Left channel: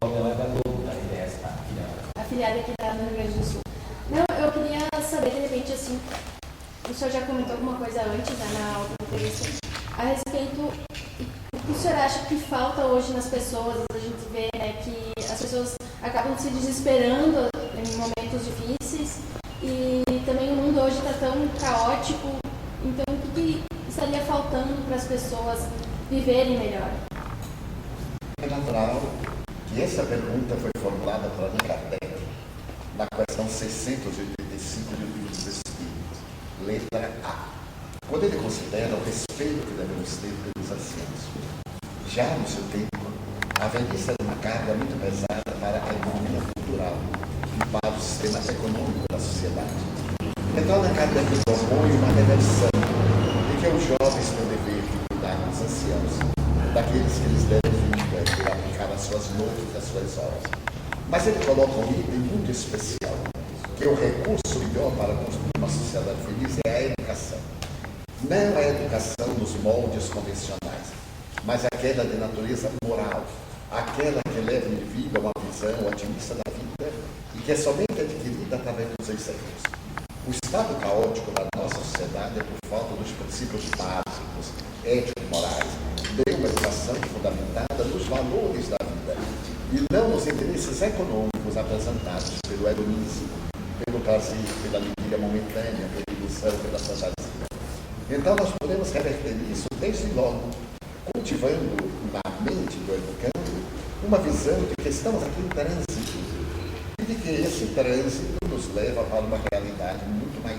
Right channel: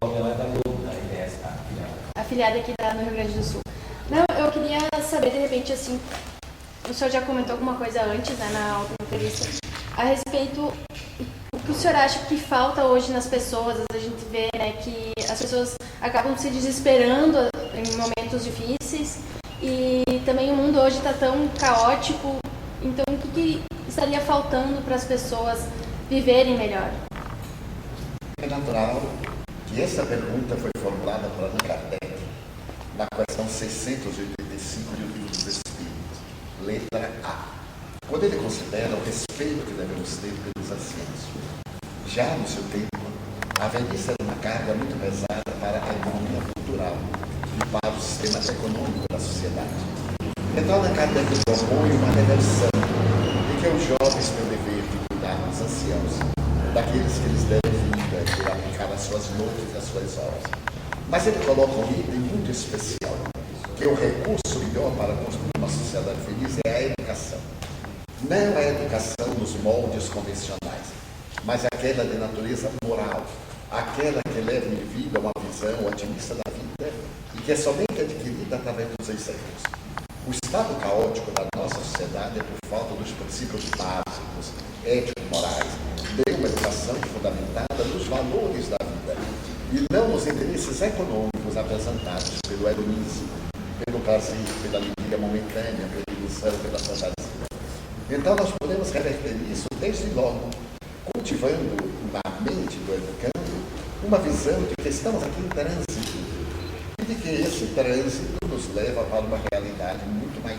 Ela é da IDS, afiliada aqui no Rio Grande do Sul. Não, eu queria saber, de repente, assim, o senhor já comentou alguma coisa antes, né, na outra entrevista, a respeito o que o senhor acha que falta hoje nas pessoas. A gente vê, né, que as pessoas acabam se desesperando em momentos difíceis e também o mundo hoje está tão caótico. Então, o que estaria faltando para as pessoas viverem melhor? É natural que essa pergunta foi formulada por Allan Kardec na questão 685 do Livro dos Espíritos, letra A, quando ele considera o respeito que devemos ter pelos anciãos. Já no seu tempo, a velhice era uma carga muito pesada para a economia cultural e para o sistema econômico da sociedade. Então, Allan Kardec propõe uma reversão de que os jovens têm o dever de cuidar dos anciãos, daqueles que eles devem vida e aplicar as suas noites e as suas horas. Mas ele coloca um item muito especial, que o recurso melhor para construir uma sociedade feliz é a educação. Não é a educação nos moldes convencionais, mas aquela de natureza moral, aquela que leva o indivíduo a uma visão otimista da vida e que é somente adquirida através dos exemplos. O estado caótico da nossa sociedade é por falta dos princípios básicos, ético-morais, de uma educação fundamentada nos valores da vida e não nos interesses econômicos apresentados pelo hedonismo, pelo prazer, pela alegria momentânea, pela ilusão, pela fantasia. Então nós podemos reverter isso desde logo, cultivando na mente do educando uma visão de que estamos aqui em trânsito e de que esse trânsito nos leva para uma realidade muito maior.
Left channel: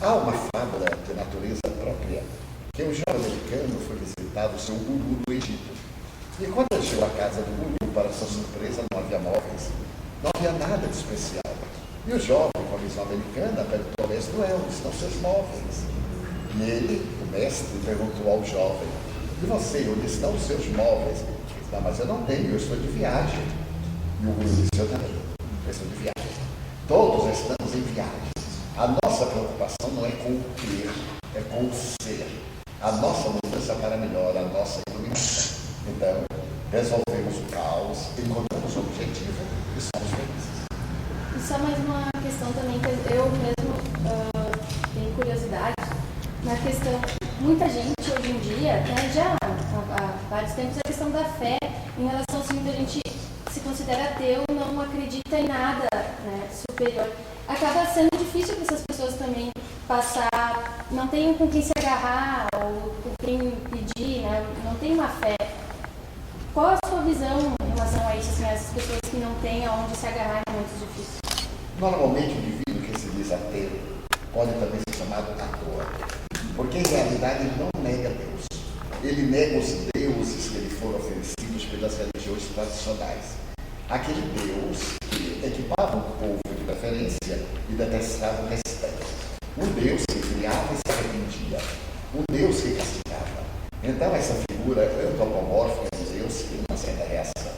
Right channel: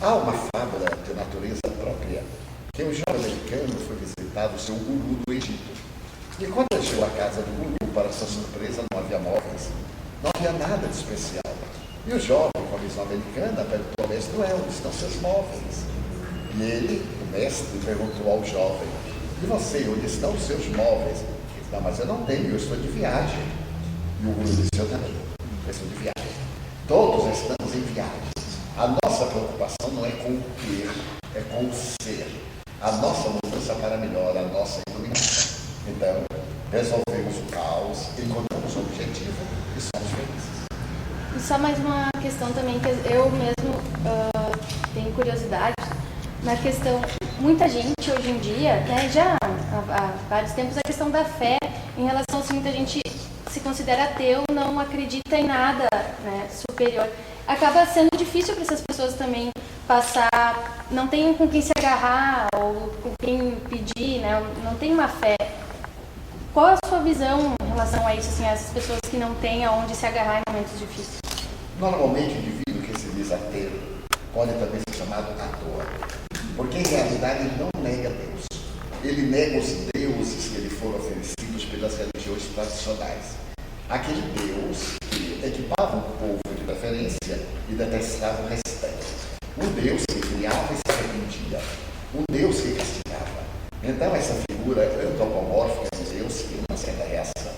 Há uma fábula de natureza própria, que um jovem americano foi visitar o seu guru do Egito. E quando ele chegou à casa do guru, para sua surpresa, não havia móveis, não havia nada de especial. E o jovem, com a visão americana, perguntou ao mestre: onde estão seus móveis? E ele, o mestre, perguntou ao jovem: e você, onde estão os seus móveis? Ele disse: não, mas eu não tenho, eu estou de viagem. E o guru disse: eu também, eu estou de viagem. Todos estamos em viagem. A nossa preocupação não é com o ter, é com o ser. A nossa mudança para melhor, a nossa iluminação. Então, resolvemos o caos, encontramos o objetivo e somos felizes. E só mais uma questão também que eu mesmo tenho curiosidade, na questão, muita gente hoje em dia, né, já há vários tempos, a questão da fé, em relação a muita gente se considera ateu, não acredita em nada, né, superior. Acaba sendo difícil para essas pessoas também passar, não tem com quem se agarrar ou com quem pedir, né, não tem uma fé. Qual a sua visão em relação a isso, assim, essas pessoas que não têm aonde se agarrar em momentos difíceis? Normalmente, o indivíduo que se diz ateu pode também ser chamado ator, porque em realidade ele não nega Deus. Ele nega os deuses que lhe foram oferecidos pelas religiões tradicionais. Aquele Deus que equipava o povo de preferência e detestava o restante. Um Deus que criava e se arrependia. Um Deus que castigava. Então essa figura antropomórfica de Deus tem uma certa reação.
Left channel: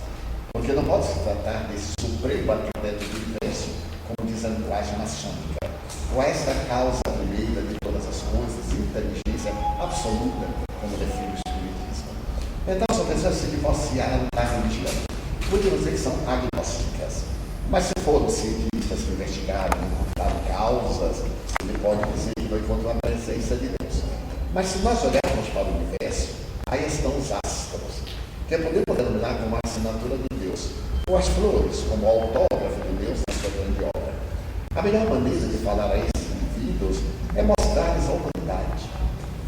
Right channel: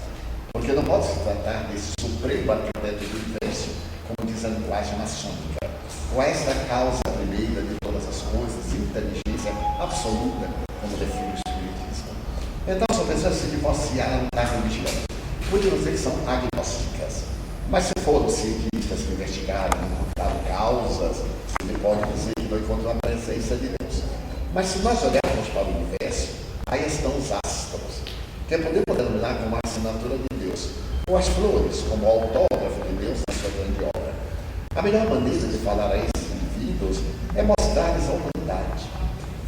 Porque não pode se tratar desse supremo arquiteto do universo, como diz a linguagem maçônica. Com esta causa primeira de todas as coisas, inteligência absoluta, como define o Espiritismo. Então são pessoas que se divorciaram da religião. Podemos dizer que são agnósticas. Mas se foram cientistas que investigaram, encontraram causas, ele pode dizer que não encontrou a presença de Deus. Mas se nós olharmos para o universo, aí estão os astros, que podemos denominar como a assinatura de Deus, ou as flores, como o autógrafo de Deus na sua grande obra. A melhor maneira de falar a esses indivíduos é mostrar-lhes a humanidade.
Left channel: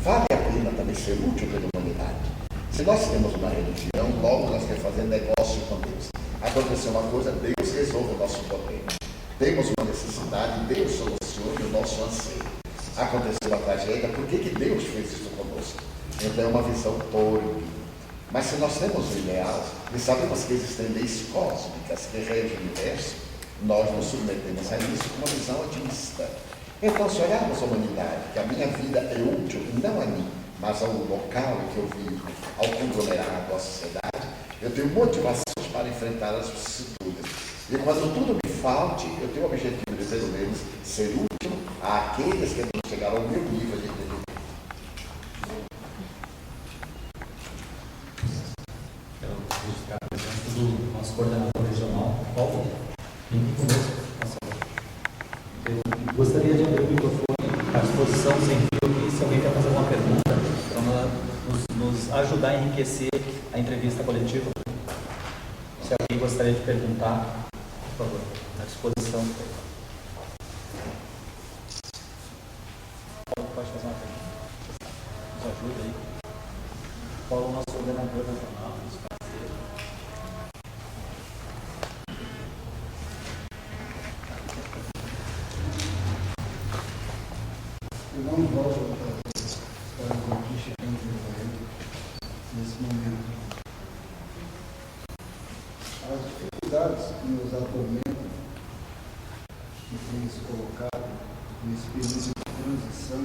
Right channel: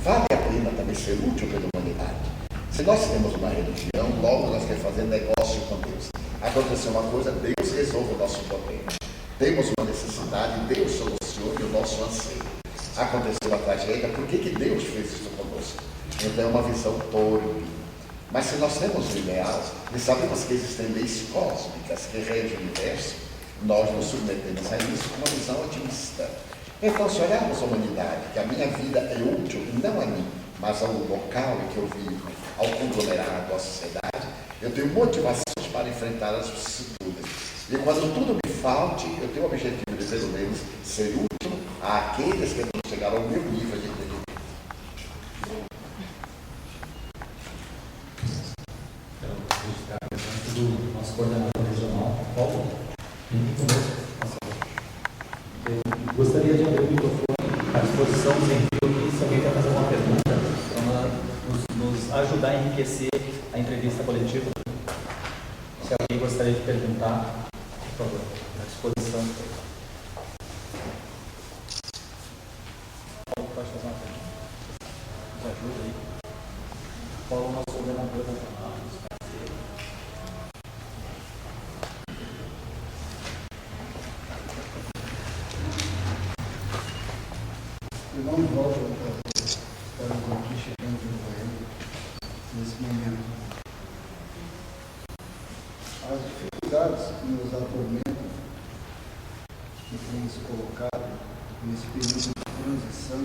Vale a pena também ser útil pela humanidade. Se nós temos uma religião, logo nós queremos fazer negócio com Deus. Aconteceu uma coisa, Deus resolve o nosso problema. Temos uma necessidade, Deus solucione o nosso anseio. Aconteceu uma tragédia, por que Deus fez isso conosco? Então é uma visão torpe. Mas se nós temos o ideal e sabemos que existem leis cósmicas que regem o universo, nós nos submetemos a isso com uma visão otimista. Então, se olharmos a humanidade, que a minha vida é útil não a mim, mas ao local em que eu vivo, ao conglomerado, à sociedade, eu tenho motivações para enfrentar as vicissitudes. E quando tudo me falte, eu tenho o objetivo de, pelo menos, ser útil àqueles que não chegaram ao meu nível de entendimento. Então, Gostaria de abrir o microfone à disposição sem fio aqui, se alguém quer fazer uma pergunta, para nos ajudar a enriquecer a entrevista coletiva. Se alguém gostaria de perguntar, por favor, à disposição. Paulo, pode fazer uma pergunta? Nos ajuda aí. Paulo, nosso coordenador nacional, nos parceiros. Eu não volto para estarmos aqui chegando no governo nesse momento. As dificuldades que nos atormentam, que tem se colocado nesse período de transição,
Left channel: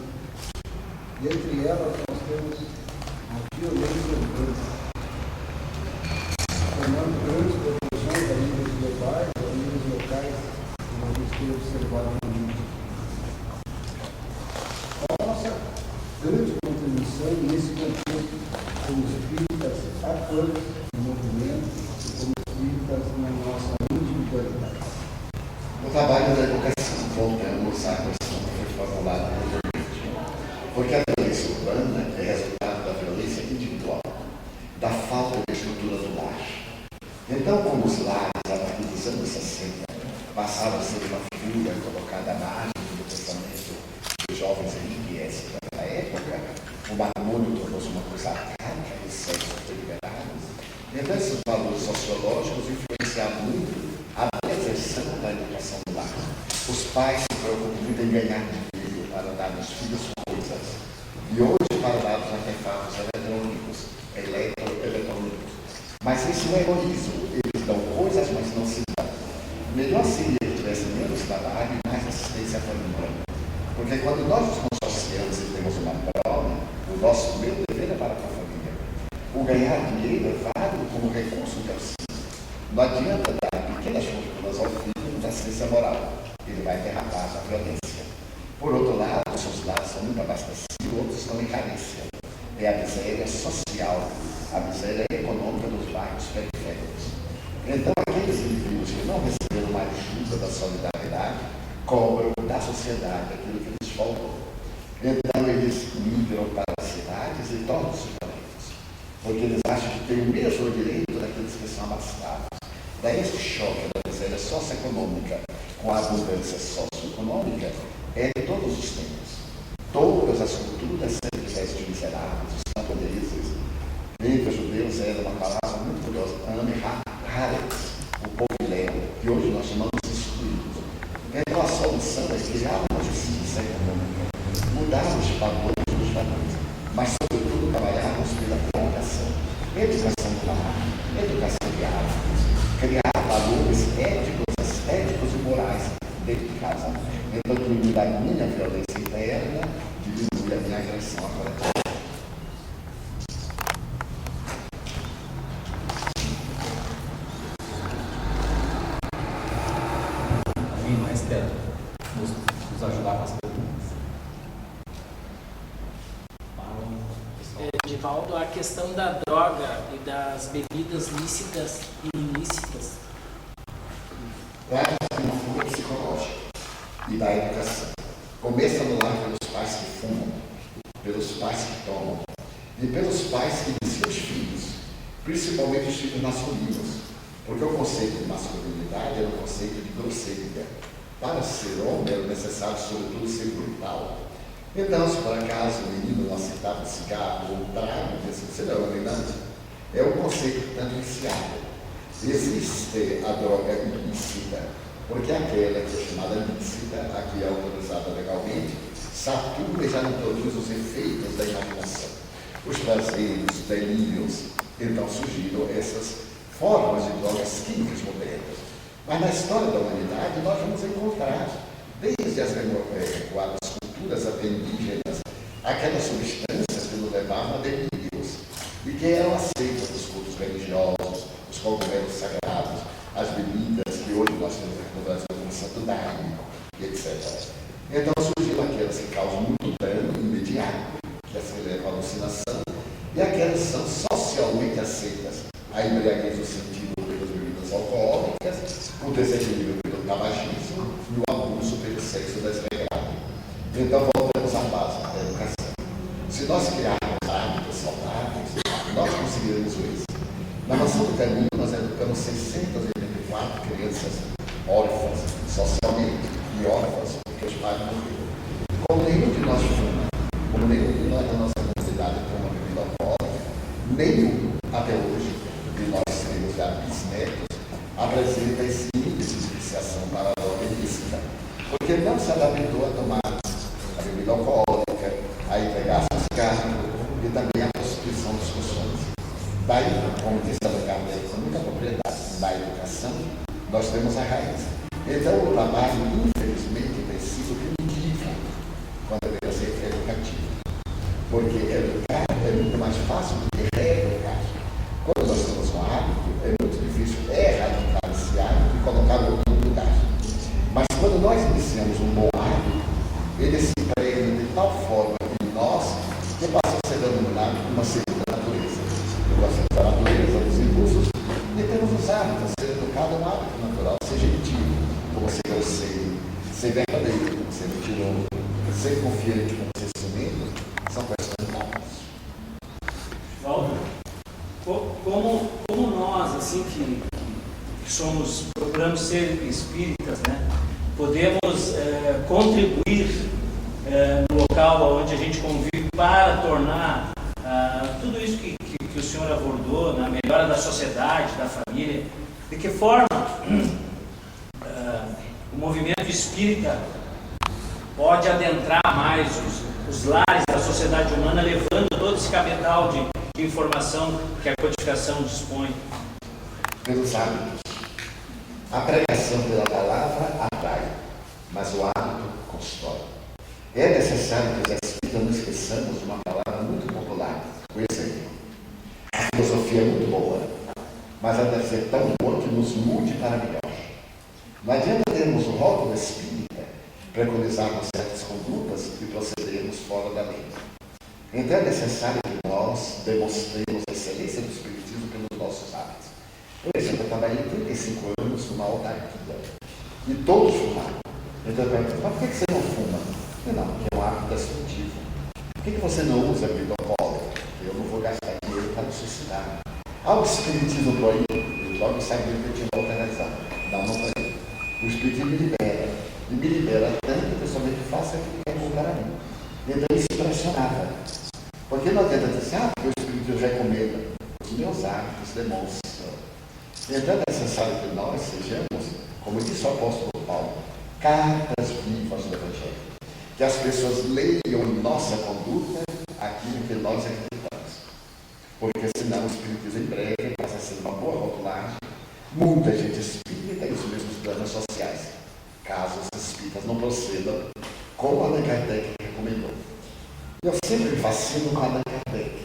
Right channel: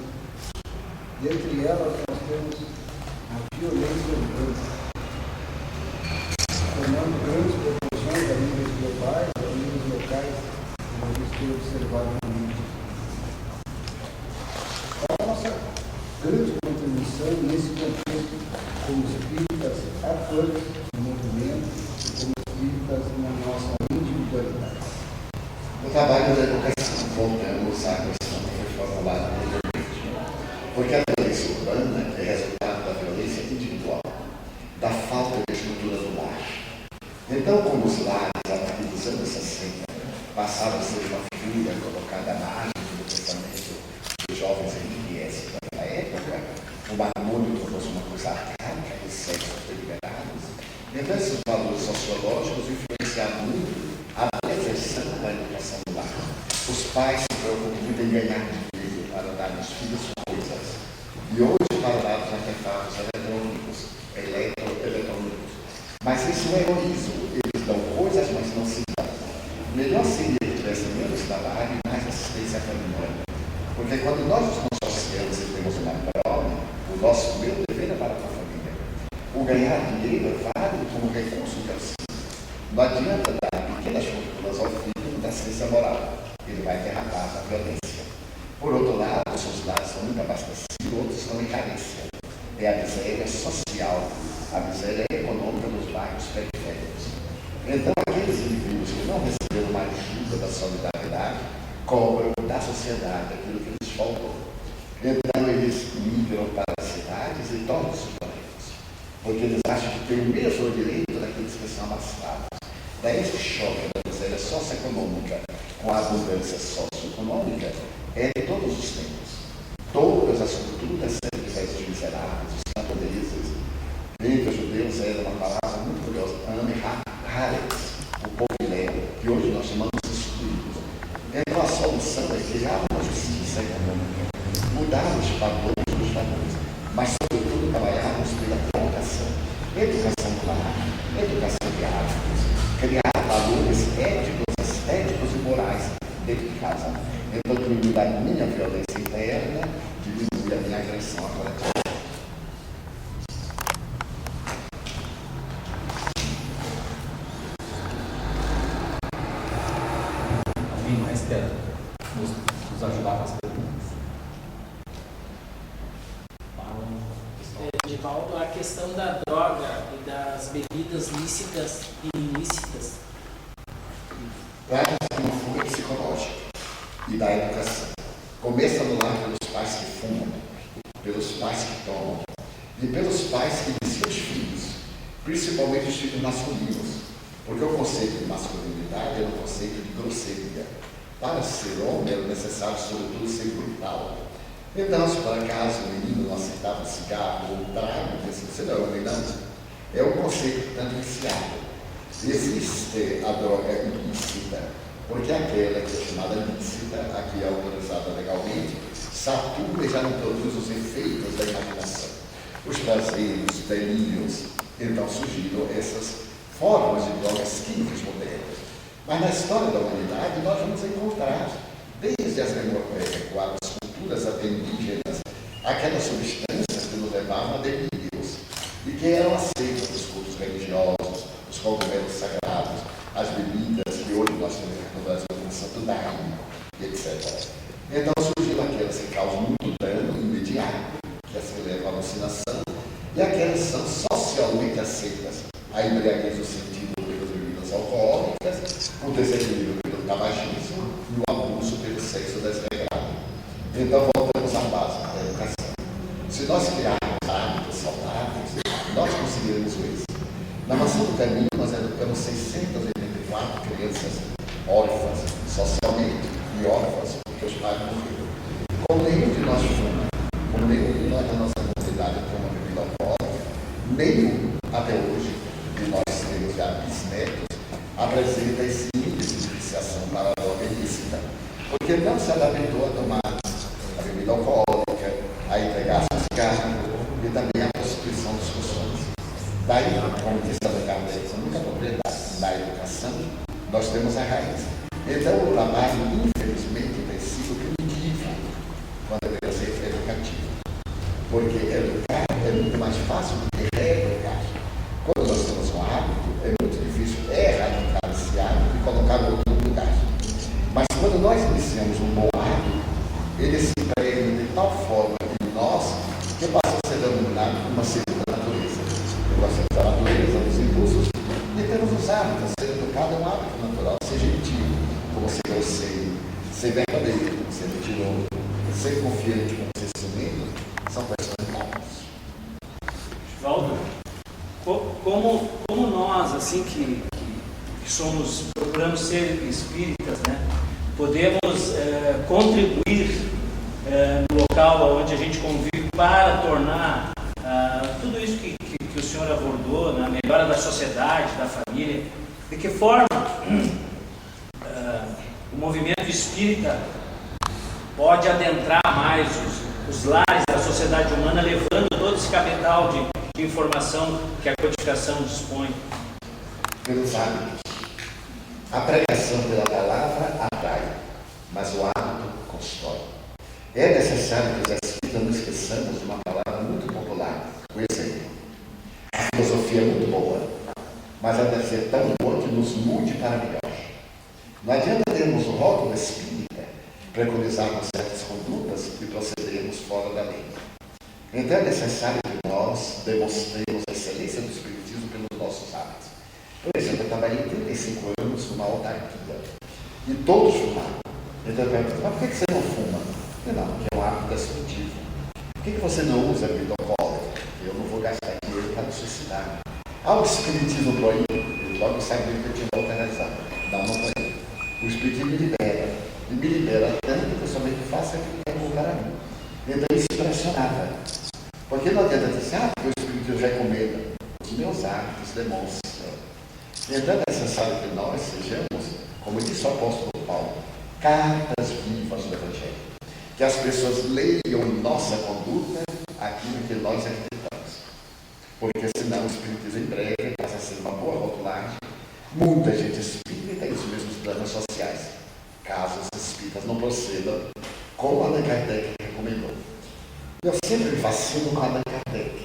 dentre elas nós temos a violência urbana, tomando grandes proporções a níveis globais, a níveis locais, como a gente tem observado no mundo. A nossa grande contribuição nesse contexto, como espíritas atuantes no movimento e como espíritas na nossa individualidade. No trabalho da educação, voltamos à questão que foi formulada anteriormente. Porque a violência urbana é resultado da violência individual, da falta de estrutura do lar. Então, como os lares, a partir dos anos 60, passaram a ser uma figura colocada à margem do pensamento dos jovens RQS daquela época, o matrimônio tornou-se uma coisa arcaica, os sexos deliberados. Então, esses valores sociológicos influenciaram muito a preservação da educação do lar. Os pais se preocupam muito em ganhar dinheiro para dar aos filhos coisas. E hoje, para dar os artefatos eletrônicos. Mas isso é egoísmo. Eles dão coisas, mas não se dão. Melhor seria que tivesse menos trabalho e mais assistência à família. Porque quando nós nos consociamos e temos uma prova, o nosso primeiro dever é para com a família. O ganhar dinheiro é válido como recurso de auxílio. Não adianta dar pequenas fortunas ao filho da assistência moral. Ele vai derrapar a violência. Por outro lado, os lares são muito abastecidos, outros estão em carência. É a miséria social, a miséria econômica dos bairros periféricos. Então, aqueles indivíduos que não receberam uma ajuda da solidariedade, cobram da sociedade aquilo que lhes faltou. Então, eles migram para as cidades e tornam-se violentos, porque eles acham que têm o mesmo direito daqueles que são abastados. Daí, esse choque da miséria socioeconômica com a abundância socioeconômica é de todos os tempos. Todas as culturas sempre vestem miseráveis, os camponeses. Entre os judeus era uma palavra muito curiosa, Haretz, o povo ilhéu, que hoje nós chamamos de excluídos. Então a solução é criar uma justiça econômica, mudar os padrões dos valores, mas sobretudo trabalharmos pela educação do lar, educação de hábitos, criar valores éticos e morais dentro de casa. Então diminuir a minha violência interna, diminuir a minha agressão à coletiva. Alguém mais quer nos ajudar com as perguntas? Edivaldo, a questão da droga e das bebidas lícitas e ilícitas. Trata-se de uma fuga psicológica e da educação. Começa no lar pelos pais que fumam, pelos pais que tomam e pelos pais que iniciam os filhos, principalmente os filhos masculinos, porque o conceito de masculinidade é um conceito de grosseria. Para ser homem é necessário, sobretudo, ser brutal. Então, se por acaso o menino não aceitava um cigarro ou um trago, você não é homem, não. É um conceito tanto viciado. Existe a droga ilícita, porque aquela que é chamada lícita, aqui é autorizada legalmente, satura e já não produz os efeitos da imaginação. Os prazeres, os delírios. Então surgiram essas formas de drogas químicas modernas. Mas na história da humanidade nós vamos encontrar, desde as recuadas culturas até indígenas, aquelas substâncias que nos levavam a delírios e que eram aceitas nos cultos religiosos, os cogumelos sagrados, as bebidas que hoje nós temos aqui no Brasil como Santo Daime, etc. Então surgiram aquelas que causam muito dano imediato, que assim levam à alucinação, e aquelas que são socialmente aceitas, a embriaguez no sentido pelas bebidas alcoólicas, o desequilíbrio pelo tabagismo e o abuso pelo sexo desregrado. Então, voltamos à base da educação. Se nós criarmos hábitos saudáveis, nós conseguiremos isso. Na Mansão do Caminho, nós educamos 684 crianças órfãs, socialmente, e órfãs, porque os pais morreram. Como nenhum de nós fuma, como nenhum de nós na nossa comunidade toma bebida alcoólica, nenhum, até hoje, de nós filhos já bisnetos, apresenta esse índice de viciação para a droga ilícita, porque não se adaptou a tomar a bebida alcoólica, a entregar seus carros e também a constituição dos costumes. Daí, como disse a Kardec, com muita propriedade na educação, nós temos a raiz. Então, o trabalho, infelizmente, precisa primitivo, quando deveria ser educativo. Porque educar é muito mais fácil do que reeducar. Quando nós temos um hábito, é muito difícil erradicar esse hábito e colocar no outro lugar. Mas quando nós iniciamos um bom hábito, ele se impregna de tal forma em nós que passa a ser denominado uma segunda natureza. Nós temos a natureza dos impulsos e temos os hábitos. Ser educado é um hábito natural, ser gentil, como ser grosseiro, ser verdadeiro, como ser mentiroso, ser confiante, como ser ciumento, são questões hábitos. Walter, como nós, assim que somos, procuramos ser espíritas, né, podemos contribuir no local onde a gente convive para tornar tudo isso que o senhor abordou, na melhora da sociedade, da família, de que forma o movimento espírita pode adentrar mais os lares da sociedade humana, levando todo esse cabedal de informação que a codificação dispõe? Pelos hábitos. A pregação pela palavra atrai, mas o hábito constrói. É necessário que os espíritas não esqueçamos de uma palavra muito popular, o exemplo. A filosofia é muito boa, mas ela deve ser tão boa que nos mude para melhor. Não adianta termos o rótulo espírita, preconizarmos certas condutas e procedermos fora da lei. Então é necessário que nós demonstremos a excelência do espiritismo pelos nossos hábitos. Por exemplo, eu trabalhei 35 anos numa autarquia e todos fumavam. Então eu pergunto, mas por que você não fuma? Não, porque é um hábito destrutivo. Por que você não usa bebida alcoólica? Eu não vou gastar dinheiro para me suicidar. O espiritismo proíbe, ele logo sabia que eu tinha uma alternativa. Não proíbe. O espiritismo me libera. E me libera tanto que eu somente faço aquilo que é bom para mim. Então isso impressionava. Porque não adianta dizer, porque o espiritismo recomenda. Os meus hábitos demonstram. Então é necessário que nós sejamos, como disse o apóstolo Paulo, cartas vivas do Evangelho. Que as pessoas leiam em nossa conduta aquilo que nós acreditamos. Porque senão o espiritismo em breve passa a ser uma boa rotulagem. Muita gente espírita e os mesmos planos sociais, caso os espíritas não procedam como Allan Kardec recomendou. Eu sempre me fascino com Allan Kardec,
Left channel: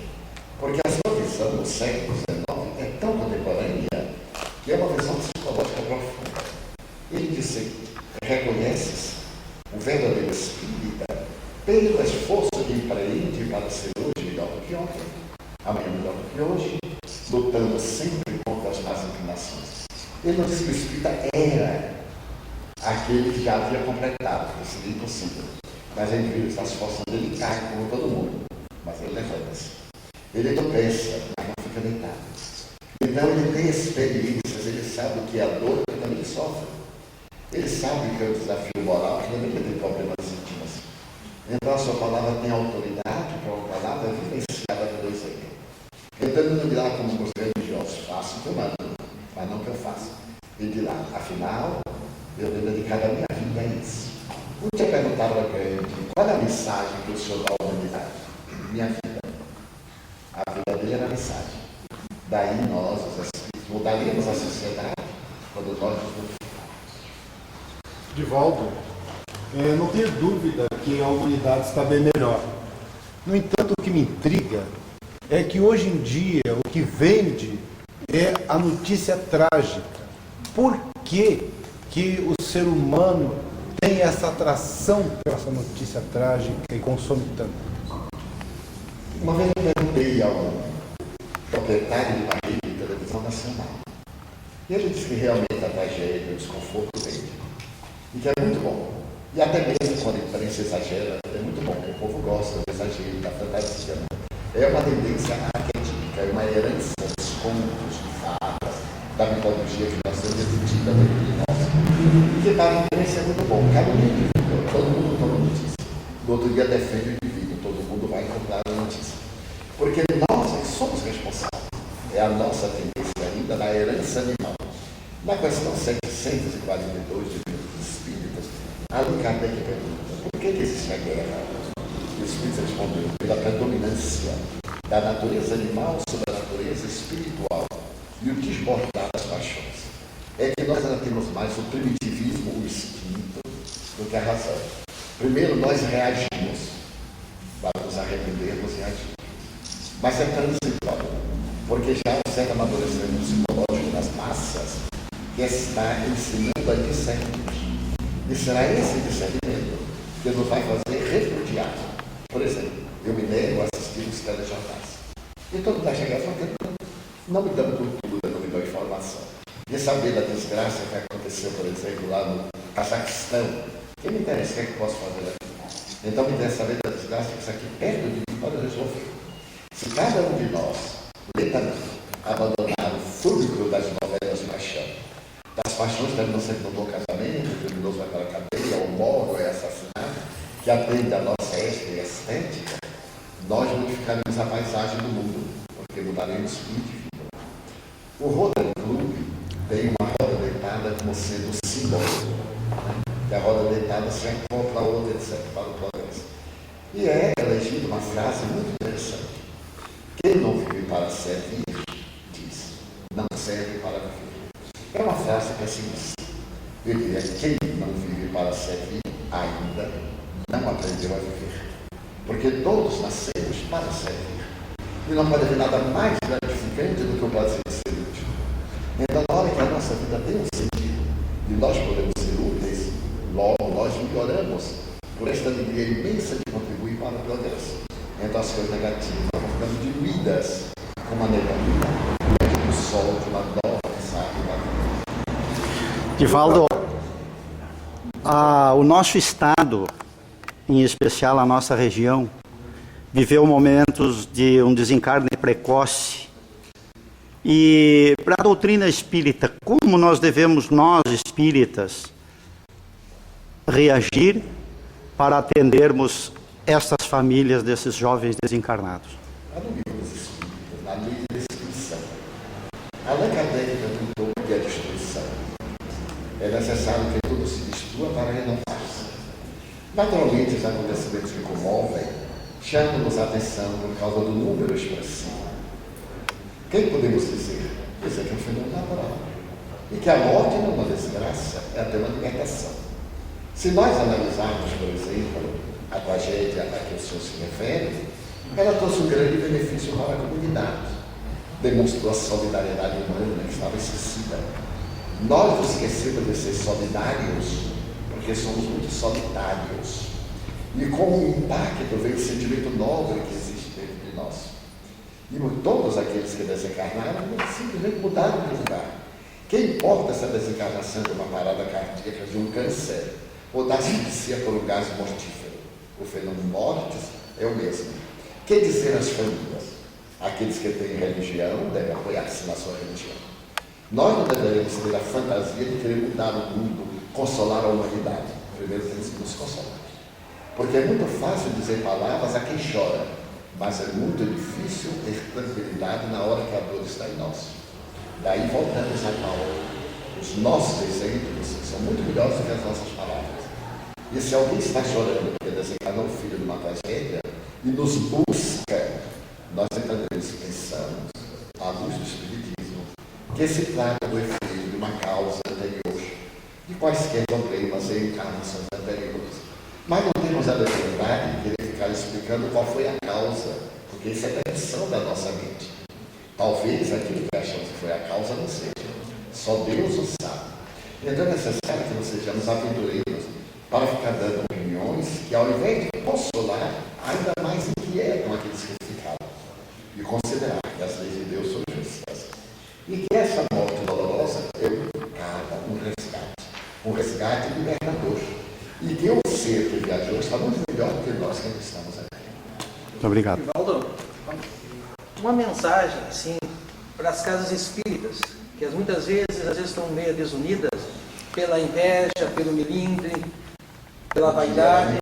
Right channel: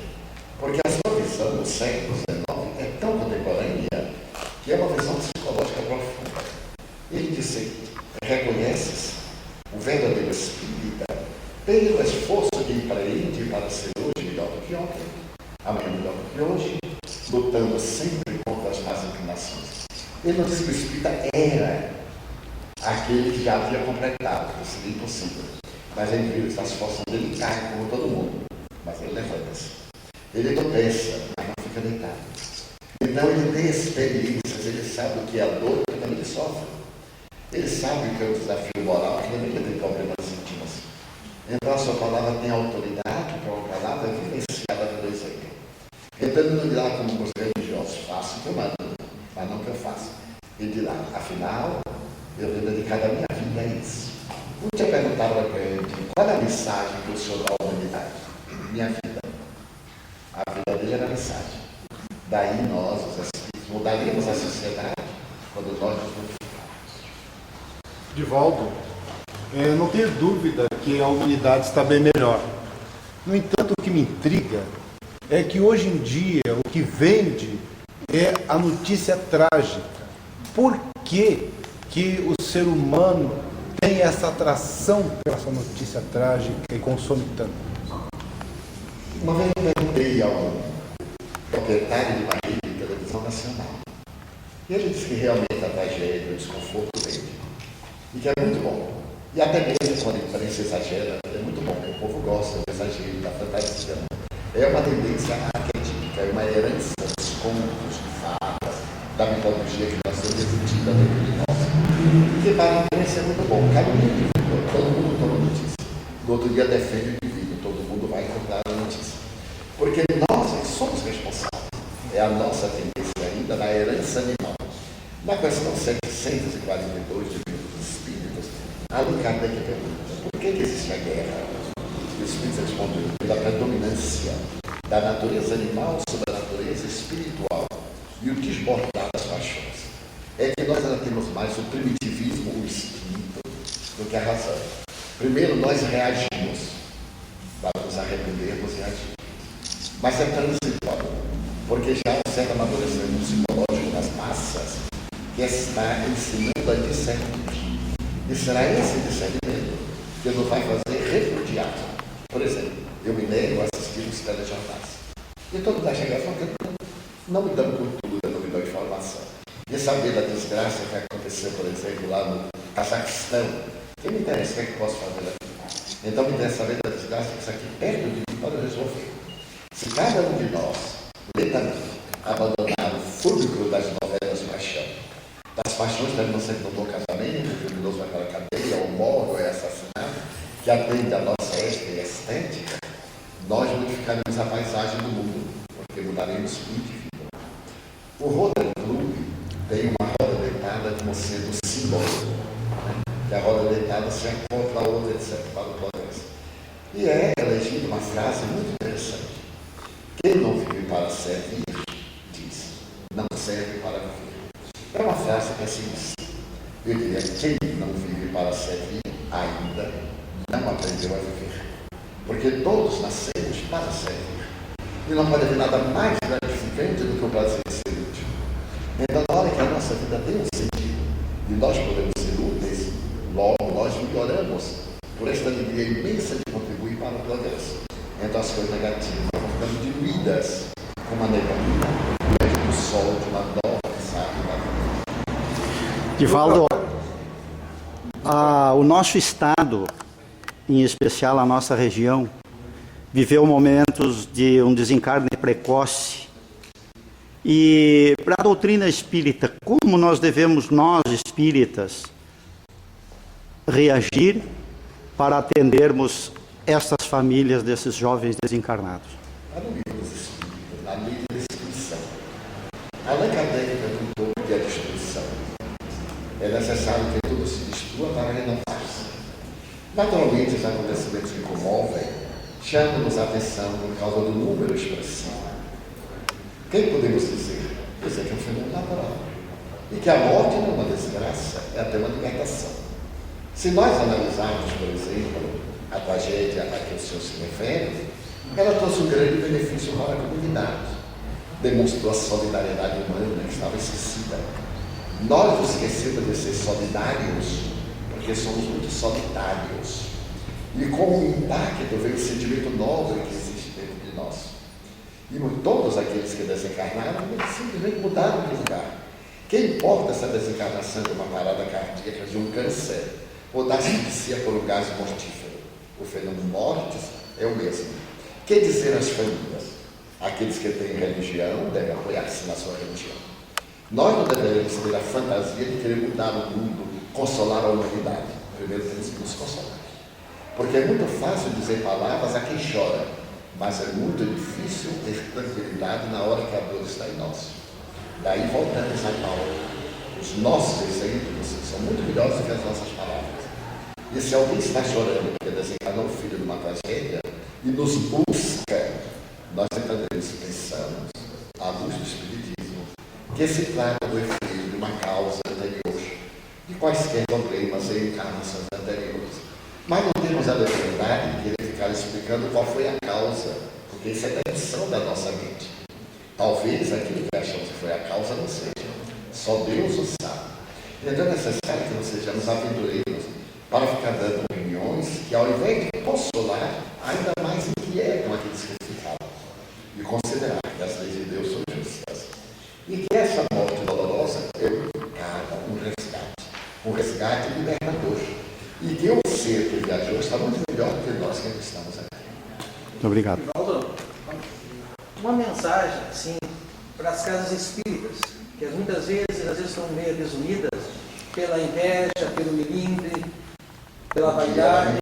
porque a sua visão no século XIX é tão contemporânea que é uma visão psicológica profunda. Ele diz o seguinte: reconheces o verdadeiro espírita pelo esforço que empreende para ser hoje melhor do que ontem, amanhã melhor do que hoje, lutando sempre contra as más inclinações. Ele não disse que o espírita era aquele que já havia completado, que seria impossível. Mas a indivíduo está se esforçando, ele cai como todo mundo, mas ele levanta-se. Ele tropeça, mas não fica deitado. Então ele tem experiências, ele sabe o que é a dor que também ele sofre. Ele sabe que é o desafio moral, que também tem problemas íntimos. Então a sua palavra tem autoridade, porque é uma palavra vivenciada pelo exemplo. Então ele não dirá como os religiosos, faço o que eu mando, mas não o que eu faço. Ele dirá, afinal, eu tenho dedicado a minha vida a isso. Um dia perguntaram para ele, qual é a mensagem que o senhor dá à humanidade? Minha vida. A vida dele era a mensagem. Daí nós, os espíritos, mudaríamos a sociedade quando nós nos modificarmos. Divaldo, não tenho dúvida que a humanidade está bem melhor. No entanto, o que me intriga é que hoje em dia o que vende é a notícia trágica. Por que o ser humano tem essa atração pela essa notícia trágica e consome tanto? Uma vez eu perguntei ao proprietário de uma rede de televisão nacional. E ele disse que realmente a tragédia, o desconforto vende. E que é muito bom. E até mesmo quando a imprensa exagera, é muito bom, porque o povo gosta do exagero, da fantasia. Né? É uma tendência arquetípica, é uma herança dos contos, de fadas, da mitologia que nós temos embutida dentro de nós. E que para a imprensa é muito bom, cada um indivíduo, todo mundo toma notícia. No outro dia defende o indivíduo, todo mundo vai comprar a notícia. Porque nós somos responsáveis. É a nossa tendência ainda da herança animal. Na questão 742 do Livro dos Espíritos, Allan Kardec pergunta, por que existe a guerra? E os Espíritos respondeu, pela predominância da natureza animal sobre a natureza espiritual e o desbordar das paixões. É que nós ainda temos mais o primitivismo, o instinto, do que a razão. Primeiro nós reagimos, para nos arrependermos e agir. Mas é transitório, porque já há um certo amadurecimento psicológico das massas que está ensinando a discernir. E será esse discernimento que nos vai fazer repudiar. Por exemplo, eu me nego a assistir os telejornais. E todo mundo acha graça porque não me dão cultura, não me dão informação. E saber da desgraça que aconteceu, por exemplo, lá no Cazaquistão. Quem me interessa? O que é que eu posso fazer aqui? Então me interessa saber da desgraça que isso aqui perto de mim pode resolver. Se cada um de nós, lentamente, abandonar o fúbrico das novelas de paixão, das paixões terminam sempre no bom casamento, o criminoso vai para a cadeia, ou morre, ou é assassinado, que atende a nossa ética e estética, nós modificaremos a paisagem do mundo, porque mudaremos o indivíduo. O Rotary Club tem uma roda deitada como sendo símbolo, né? Que a roda deitada se acopla a outra, etc., para o progresso. E é elegida uma frase muito interessante. Quem não vive para servir, diz, não serve para viver. É uma frase pessimista. Eu diria, quem não vive para servir, ainda não aprendeu a viver. Porque todos nascemos para servir. E não pode haver nada mais gratificante do que o prazer de ser útil. Então, na hora que a nossa vida tem um sentido, e nós podemos ser úteis, logo nós melhoramos por esta alegria imensa de contribuir para o progresso. Então, as coisas negativas vão ficando diluídas com uma neblina, do sol de uma nova Divaldo, o nosso estado, em especial a nossa região, viveu momentos de um desencarne precoce. E para a doutrina espírita, como nós devemos, nós espíritas, reagir para atendermos essas famílias desses jovens desencarnados? Lá no Livro dos Espíritos, na lei da destruição, Allan Kardec perguntou o que é destruição. É necessário que tudo se destrua para renovar-se. Naturalmente, os acontecimentos que comovem chamam-nos a atenção por causa do número expressivo. Quem podemos dizer? Dizer que é um fenômeno natural. E que a morte não é uma desgraça, é até uma libertação. Se nós analisarmos, por exemplo, a tragédia a que o senhor se refere, ela trouxe um grande benefício para a comunidade. Demonstrou a solidariedade humana que estava esquecida. Nós nos esquecemos de ser solidários, porque somos muito solitários. E com o impacto veio o sentimento nobre que existe dentro de nós. E todos aqueles que desencarnaram simplesmente mudaram de lugar. Que importa essa desencarnação de uma parada cardíaca, de um câncer, ou da asfixia por um gás mortífero? O fenômeno mortis é o mesmo. Que dizer às famílias? Aqueles que têm religião devem apoiar-se na sua religião. Nós não deveremos ter a fantasia de querer mudar o mundo, consolar a humanidade. Primeiro temos que nos consolar. Porque é muito fácil dizer palavras a quem chora, mas é muito difícil ter tranquilidade na hora que a dor está em nós. Daí voltamos a Paulo. Os nossos exemplos são muito melhores do que as nossas palavras. E se alguém está chorando porque desencarnou o filho numa tragédia e nos busca, nós entenderemos, pensamos, à luz do Espiritismo, que se trata do efeito de uma causa anterior, de quaisquer problemas em encarnações anteriores. Mas não temos a liberdade de querer ficar explicando qual foi a causa, porque isso é tensão da nossa mente. Talvez aquilo que achamos que foi a causa não seja. Só Deus o sabe. Então é necessário que nós sejamos aventureiros para ficar dando opiniões que, ao invés de consolar, ainda mais inquietam aqueles que ficaram. E considerar que as leis de Deus são justas. E que essa morte dolorosa é um resgate libertador. E que o que viajou está muito melhor do que nós que ainda estamos aqui. Muito obrigado. Valdo, uma mensagem assim para as casas espíritas, que muitas vezes estão meio desunidas pela inveja, pelo melindre, pela vaidade.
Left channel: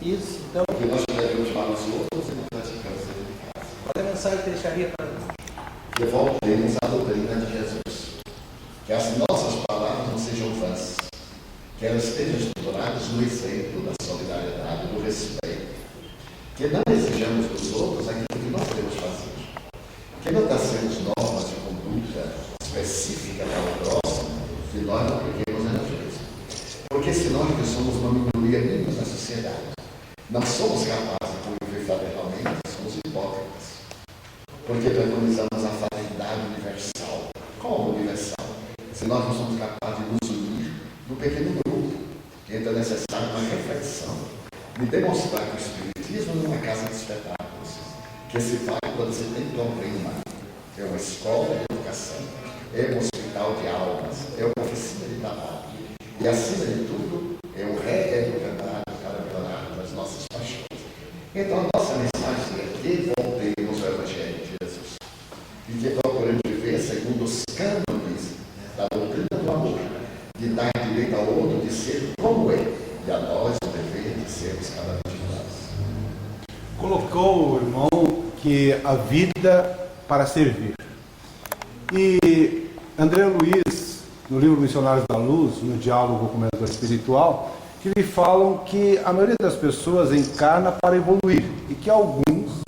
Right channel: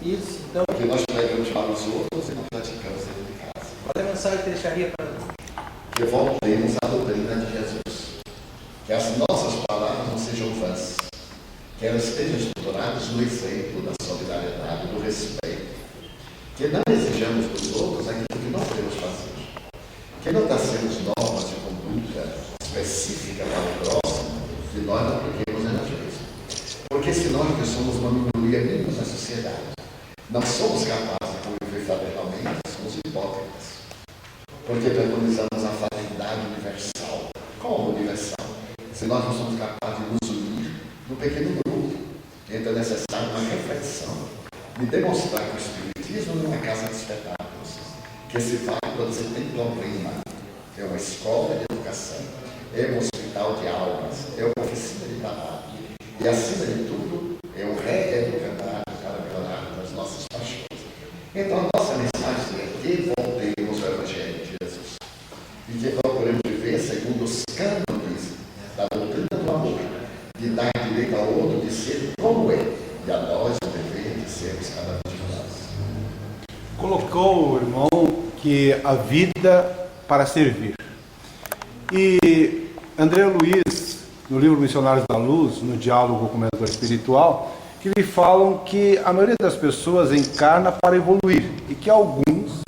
Isso, então. Porque nós pregamos para os outros e não praticamos dentro de casa. Qual é a mensagem que deixaria para Que voltemos à doutrina de Jesus. Que as nossas palavras não sejam vãs. Que elas estejam estruturadas no exemplo da solidariedade, do respeito. Que não exijamos dos outros aquilo que nós devemos fazer. Que não tracemos normas de conduta específica para o próximo que nós não apliquemos em nós mesmos. Porque se nós que somos uma minoria mínima na sociedade, não somos capazes de conviver fraternalmente, somos hipócritas. Porque preconizamos a fraternidade universal. Como universal? Se nós não somos capazes de nos unir num pequeno grupo, então é necessária uma reflexão de demonstrar que o Espiritismo não é uma casa de espetáculos, que se vai quando você tem problema. É uma escola de educação, é um hospital de almas, é uma oficina de trabalho. E, acima de tudo, é um reeducador para melhorar as nossas paixões. Então, a nossa mensagem é que voltemos ao Evangelho de Jesus e que procuremos viver segundo os cânones da doutrina do amor, de dar direito ao outro de ser como é, e a nós o dever de sermos cada vez mais. Colocou o irmão que a vida para servir. E André Luiz, no livro Missionários da Luz, no diálogo com o mentor espiritual, que lhe falam que a maioria das pessoas encarna para evoluir e que alguns,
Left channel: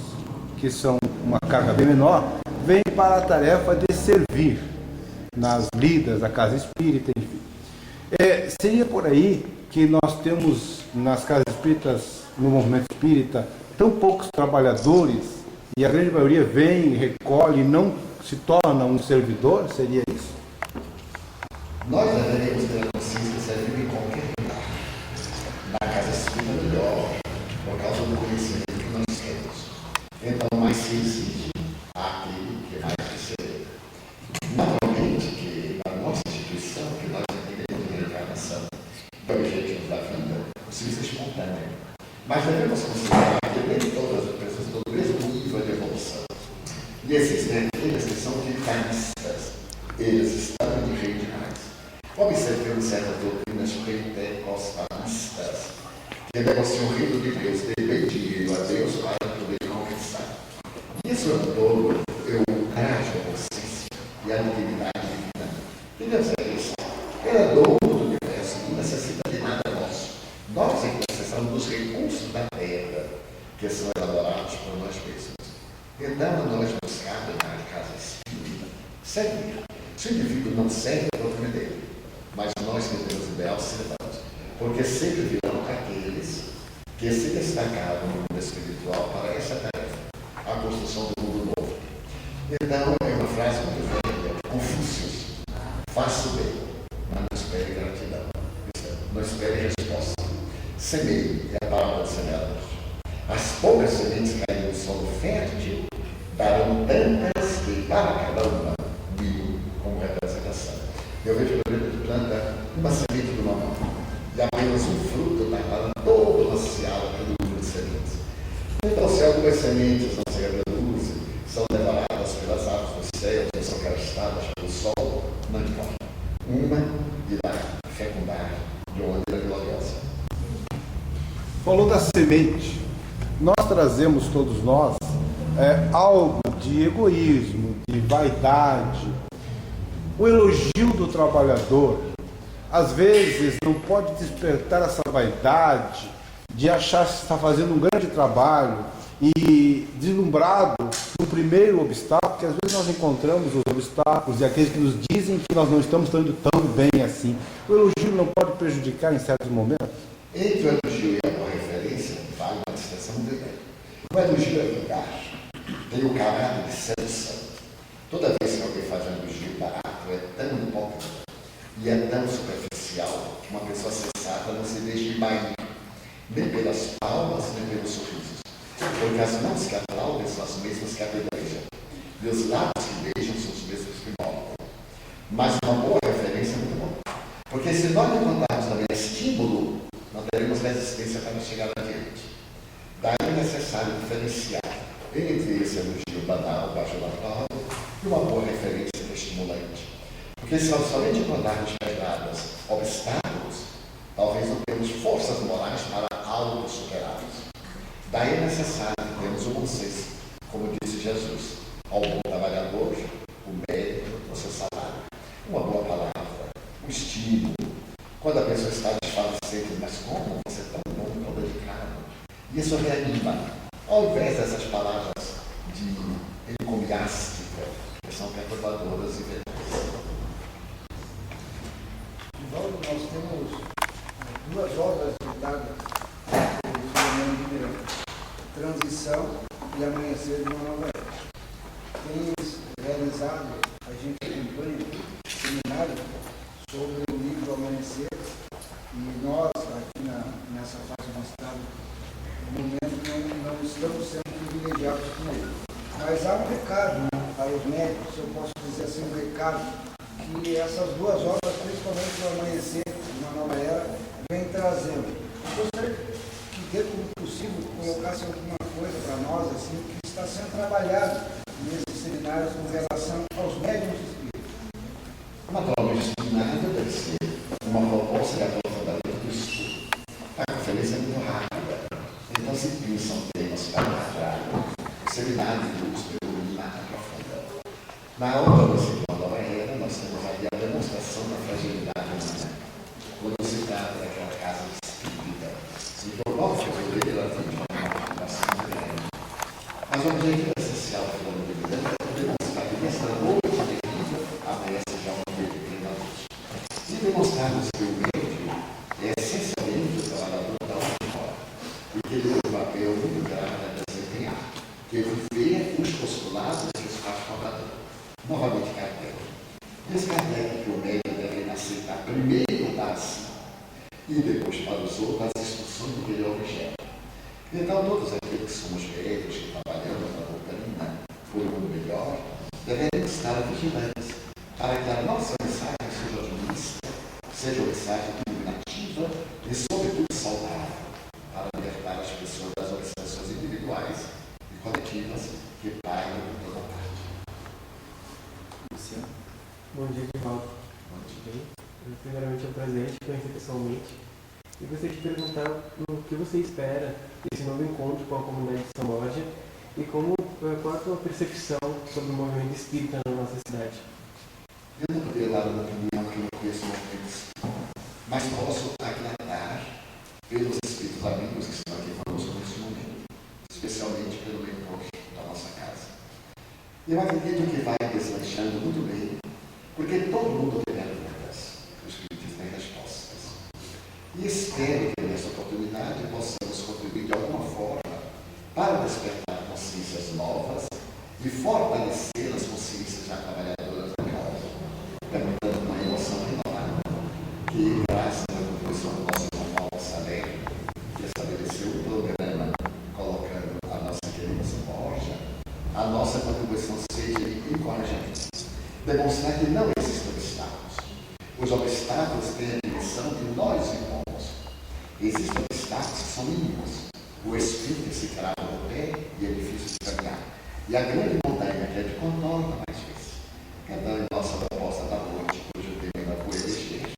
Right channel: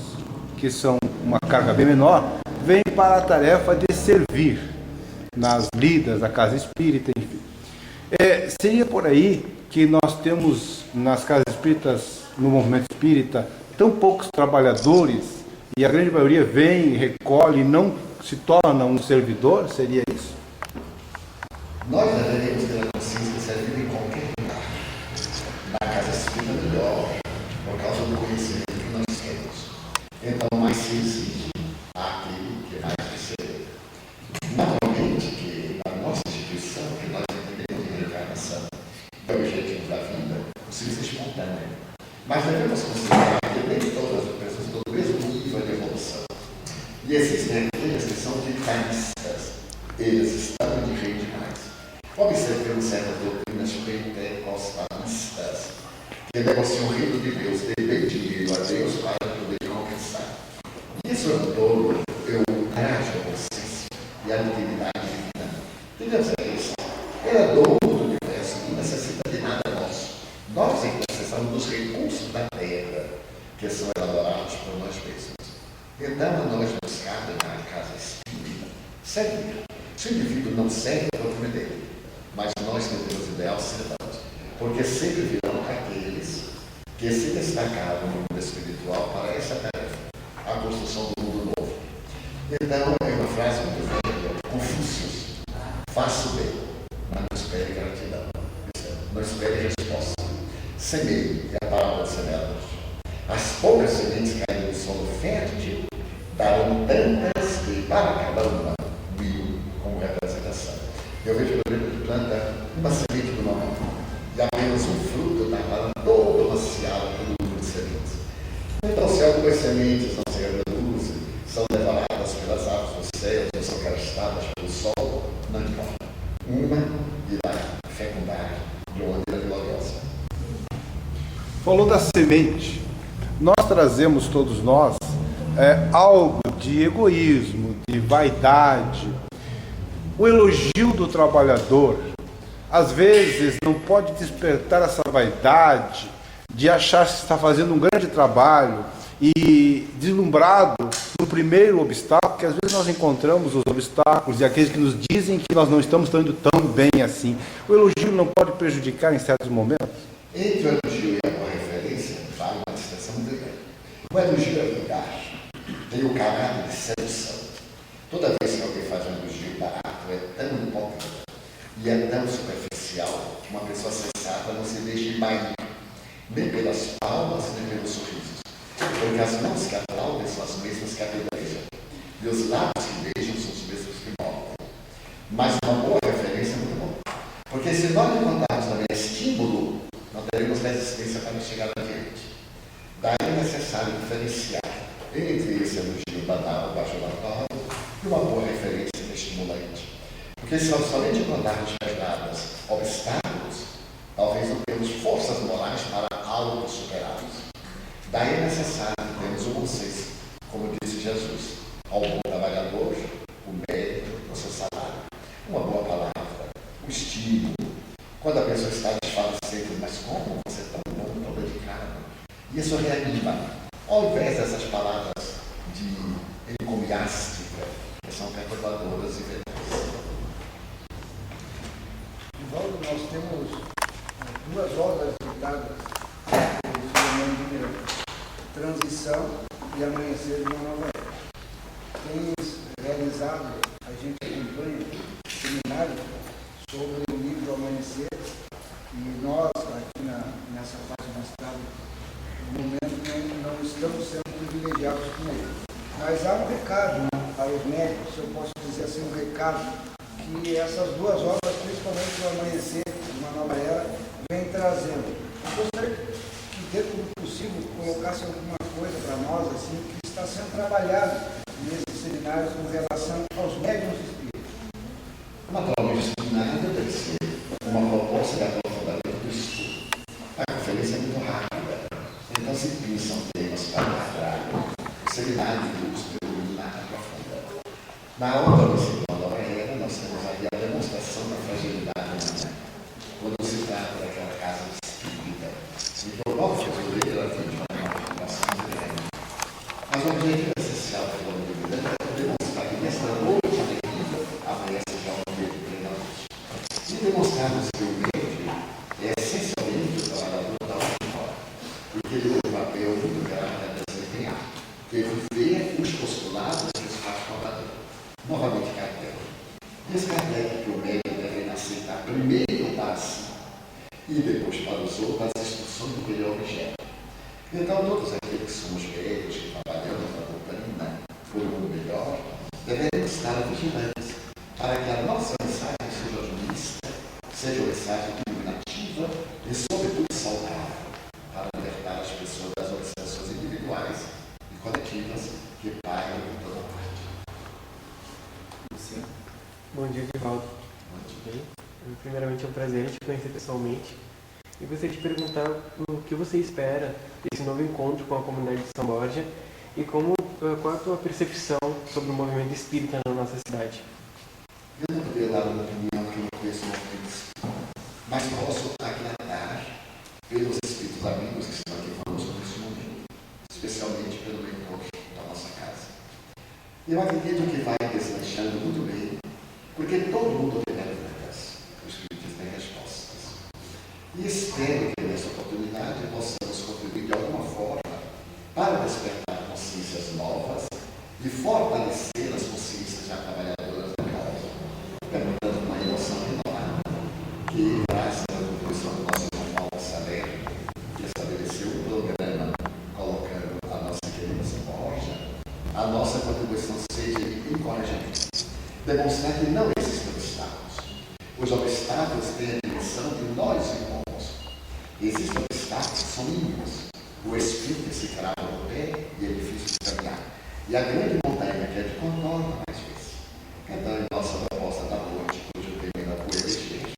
que são uma carga bem menor, vêm para a tarefa de servir nas lidas da casa espírita, enfim. Seria por aí que nós temos nas casas espíritas, no movimento espírita, tão poucos trabalhadores e a grande maioria vem, recolhe e não se torna um servidor? Seria isso? Nós deveríamos ter a consciência de servir em qualquer lugar. Na casa espírita melhor, por causa do conhecimento que nós temos. Então, mais se exige àquele que mais receber. Naturalmente que na nossa instituição, que nós entendemos de reencarnação, do objetivo da vida, o serviço é espontâneo. Mas devemos considerar que nem todas as pessoas estão no mesmo nível de evolução. E existem aqueles que são vitalistas. Eles estão de rei demais. Observemos certas doutrinas pentecostalistas que negociam o reino de Deus, dê dinheiro a Deus para poder conquistar. Isso é um dolo, é um ultraje à consciência e à dignidade divina. Que Deus é isso? Ele é dono do universo, não necessita de nada nosso. Nós é que precisamos dos recursos da terra, que são elaborados por nós mesmos. Então, a nós nos cabe na casa espírita servir. Se o indivíduo não serve, é o problema dele. Mas nós que temos ideal servamos. Porque sempre virão aqueles que se destacaram no mundo espiritual para essa tarefa, a construção do mundo novo. Então, é uma frase muito velha, Confúcio: faça o bem, mas não espere gratidão. Não espere resposta. Semeie é a palavra do semeador. As poucas sementes caídas no solo fértil darão tantas que para cada uma mil como representação. Eu vejo, por exemplo, que planta uma semente de uma mão e apenas um fruto dá para todo uma seara, todo número de sementes. Então, se algumas sementes não se reproduzem, são devoradas pelas aves dos céus ou são gastadas pelo sol, não importa. Uma irá fecundar de uma maneira gloriosa. Falou da semente. Nós trazemos, todos nós, algo de egoísmo, de vaidade. O elogio do trabalhador, às vezes, não pode despertar essa vaidade de achar que está fazendo um grande trabalho e deslumbrado no primeiro obstáculo, que às vezes nós encontramos os obstáculos e aqueles que nos dizem que nós não estamos indo tão bem assim. O elogio não pode prejudicar em certos momentos? Entre o elogio e a boa referência, vale uma distinção muito grande. O elogio é vulgar, tem o caráter de sedução. Toda vez que alguém faz um elogio barato, é tão hipócrita e é tão superficial que uma pessoa sensata não se deixa embair, nem pelas palmas, nem pelos sorrisos. Porque as mãos que aplaudem são as mesmas que apedrejam, e os lábios que beijam são os mesmos que mordem. Mas uma boa referência é muito bom. Porque se nós não contarmos também estímulo, não teremos temos resistência para chegar adiante. Daí é necessário diferenciar entre esse elogio banal, bajulatório, e uma boa referência estimulante. Porque somente quando há pedradas, obstáculos, talvez não temos forças morais para algo superá-los. Daí é necessário termos o bom senso, como disse Jesus, ao bom trabalhador, o mérito, o seu salário, uma boa palavra, o estímulo. Quando a pessoa está desfalecendo, mas como você é tão bom, tão dedicado? E isso reanima, ao invés dessas palavras de encomiástica, que são perturbadoras e venais. Divaldo, nós temos duas obras citadas pelo Filomeno de Miranda: Transição e Amanhecer de uma Nova Era. Tens realizado, a gente acompanha seminário sobre o livro Amanhecer, e nós, aqui nessa fase do Estado, no momento, não estamos sendo privilegiados com ele. Mas há um recado para os médicos, se eu posso dizer assim, um recado, que essas duas obras, principalmente o Amanhecer de uma Nova Era, vem trazendo. Eu gostaria que, dentro do possível, colocasse alguma coisa para nós, assim, que está sendo trabalhado nesses seminários com relação aos médiuns espíritas. Naturalmente, o seminário deve ser uma proposta de aprofundamento do estudo. A conferência é muito rápida, então se pensam temas para trabalhar. O seminário de grupos predomina aprofunda. Na outra da Nova Era, nós temos aí a demonstração da fragilidade humana, quando se trata daquela casa espírita. Então, o nosso ler ela tem uma preocupação grande. Mas o objetivo essencial do plano de vida é demonstrar que nesta noite terrível amanhece já um dia de plena luz. E demonstrarmos que o médium é essencialmente o trabalhador da última hora, porque ele tem um papel muito grave a desempenhar, que é viver os postulados que os faz cobrador. Novamente, Kardec. Diz Kardec que o médium deve aceitar primeiro para si e depois para os outros as instruções do que ele é objeto. Então, todos aqueles que somos médios, que trabalhamos na doutrina por um mundo melhor, devemos estar vigilantes para que a nossa mensagem seja otimista, seja uma mensagem iluminativa e, sobretudo, saudável, para libertar as pessoas das obsessões individuais e coletivas que pairam em toda parte. Luciano. Bom dia, Divaldo. Bom dia. Bem, primeiramente é um prazer te conhecer pessoalmente. E gostaria de perguntar o que você espera desse novo encontro com a comunidade de São Borja e qual a tua percepção sobre o movimento espírita na nossa cidade. Eu não poderia dar uma opinião que eu não conheço o movimento espírita, mas posso aclarar pelos espíritos amigos que estão aqui conosco neste momento, especialmente pelo leitor da nossa casa. Eu acredito que vai deslanchando muito bem, porque todo mundo tem perguntas, os espíritos têm respostas. E espero que nessa oportunidade possamos contribuir de alguma forma para despertar consciências novas e fortalecer as consciências já trabalhadoras da casa, perguntando uma emoção renovada, que graças à contribuição do nosso irmão Paulo Salerno, que estabeleceu o programa colocando a nossa querida São Borja, a nossa contribuição seja de encorajamento, demonstrar que não existem obstáculos. Os obstáculos têm a dimensão de nós irmãos. Existem obstáculos que são mínimos. O espírito se crava no pé e é difícil de caminhar. E a grande montanha que é de contorno mais vezes. Então, em nossa proposta da noite, cujo tema é o eleger,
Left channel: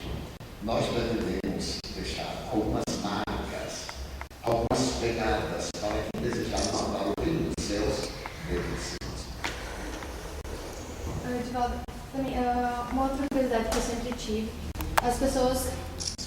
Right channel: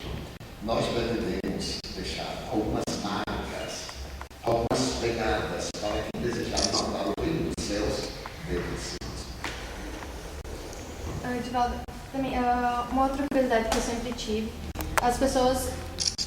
nós pretendemos deixar algumas marcas, algumas pegadas para quem desejar mandar o reino dos céus dentro de si. Divaldo, também, uma outra curiosidade que eu sempre tive, as pessoas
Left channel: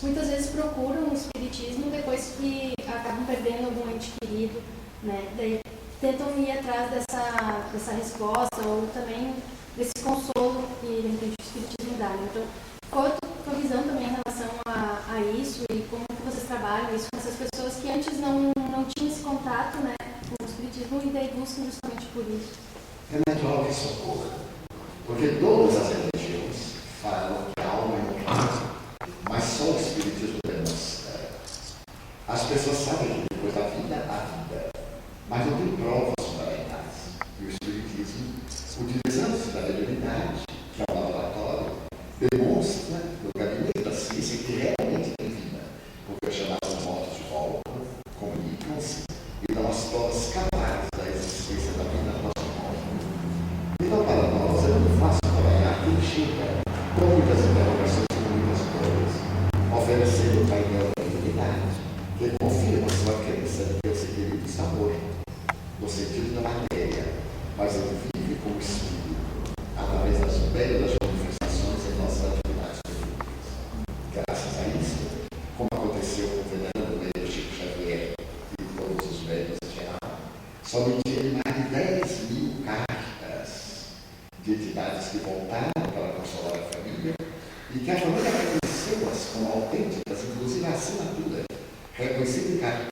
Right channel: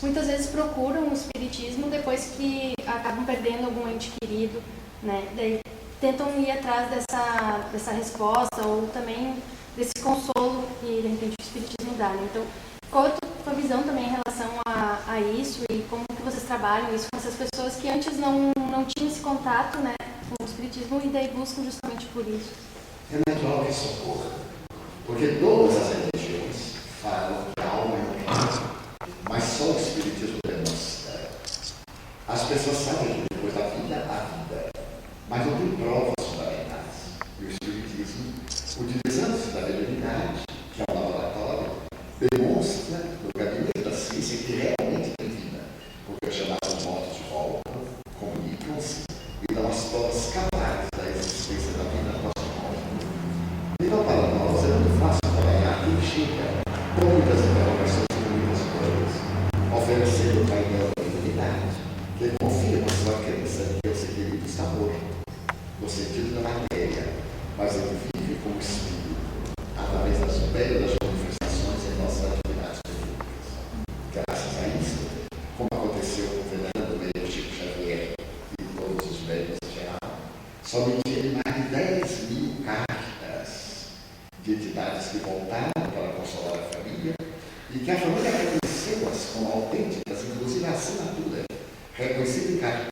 muitas vezes procuram o espiritismo depois que acabam perdendo algum ente querido, né? Daí tentam ir atrás dessa resposta ou também desse consolo que de repente o espiritismo dá, né? Então, qual é a tua visão também em relação a isso e como que vocês trabalham isso com essas pessoas que antes não tinham esse contato, né, com o espiritismo e daí buscam justamente por isso? É natural que isso ocorra, porque todas as religiões falam que a alma é um caminho, mas só o espiritismo demonstra. As pessoas sabem que depois da vida, há vida, mas não tem provas fundamentais. E o espiritismo, utilizando-se da mediunidade, que é um laboratório, demonstra no gabinete da ciência que realmente tem vida, porque os chamados mortos Somente ele mais de 10.000 cartas de entidades que voltaram para consolar a família e que a família reconheceu-as como autênticas, inclusive a assinatura reconhecida em cartório